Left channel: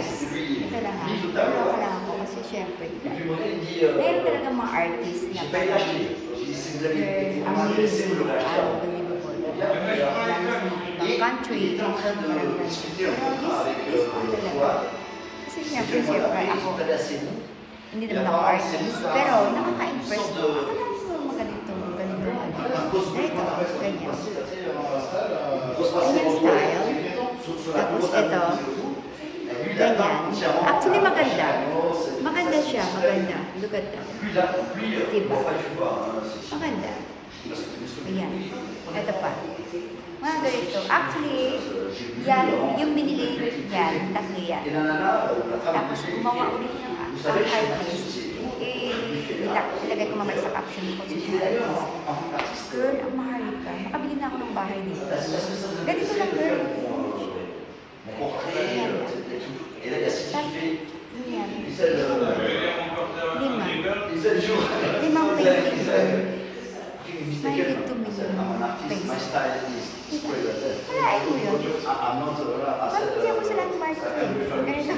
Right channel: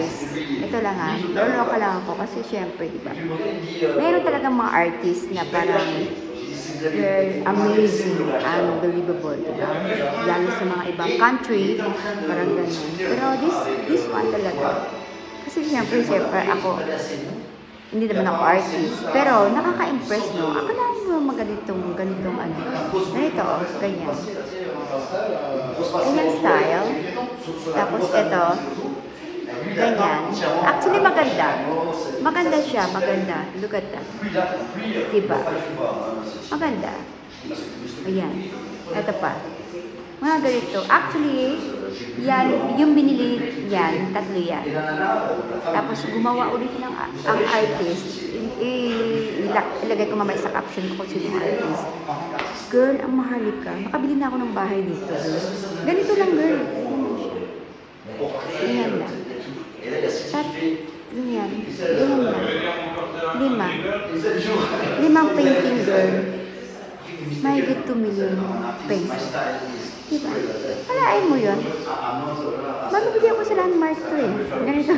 guys, ito lang ha, pero pa lang ako kasi syempre, diba? Meron talagang mga artists na parang they're amazing, unbelievable, diba? Lalo sa mga ibang country, parang ganyan. Pero this one talaga, kasi syempre, ako, hindi naman ako artist, pero nakaka-impress mo. Ako lang yung ganitong ano. Ganito, ganyan. Ganyan style. Tapos ito, ganyan. Actually, maganda. Maganda siya, maganda. Look at that. Diba? Maganda. Ayan. Ito pa. Mga ganito. Actually, yan, yung binili yan, tatlo yan. Tapos gumawa ulit ng ang artist. Ilagay ko mamaya sa caption ko si artist. Girl, ang mahal ka. Makabili na ako ng bahay dito. Ganito lang yun. Limang painting doon. Mahigit 2 million pesos. Ayaw mo yan? Marunong ko sila ng Mark Twain. Ganito.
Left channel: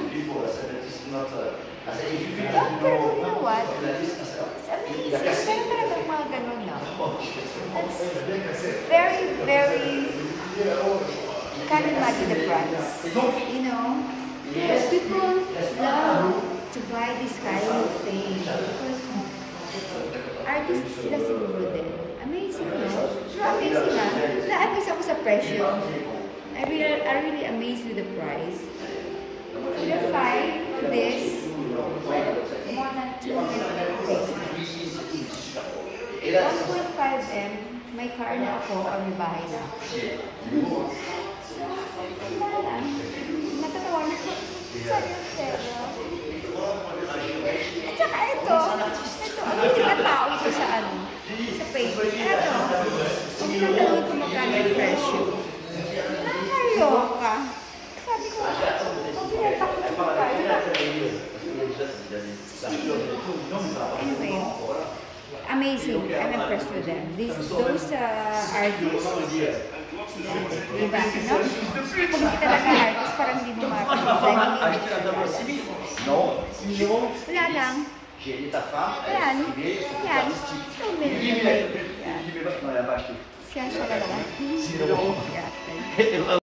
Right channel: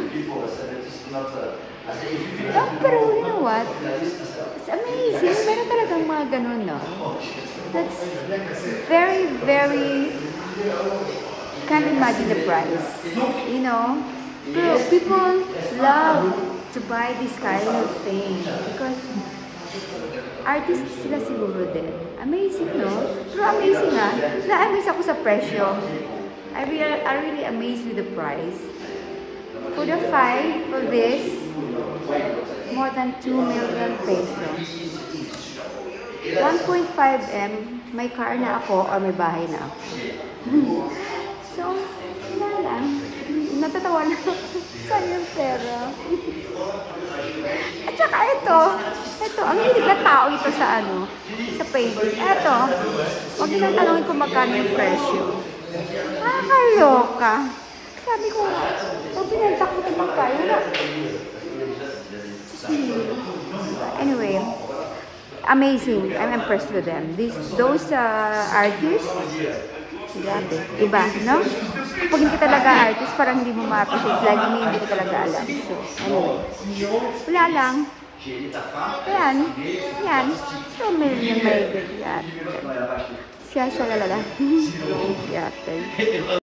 Pero you know what? It's amazing. Ganito talagang mga ganun, no? That's very, very can't imagine the price. You know? Pero people love to buy this kind of thing because artists sila siguro din. Amazing, no? Pero amazing, ha? Na-amaze ako sa presyo. I really amazed with the price. For the 5 for this, more than 2 million pesos. 1.5M, may car na ako, may bahay na ako. So, wala lang. Natatawa na. Saan yung pera? At saka ito, ang hindi ka tao ito sa sa Facebook. Ito, huwag na talawin kung magkano yung presyo. Nakakaloka. Sabi ko, sabi na takot ito tayo. Anyway, amazing. I'm impressed with them. Those artists, diba, no? Pag hindi talaga artist, parang hindi mo makapasigyan, hindi talaga alam. Wala lang. Yan. Yan. So, may yan. Siya sa wala lang.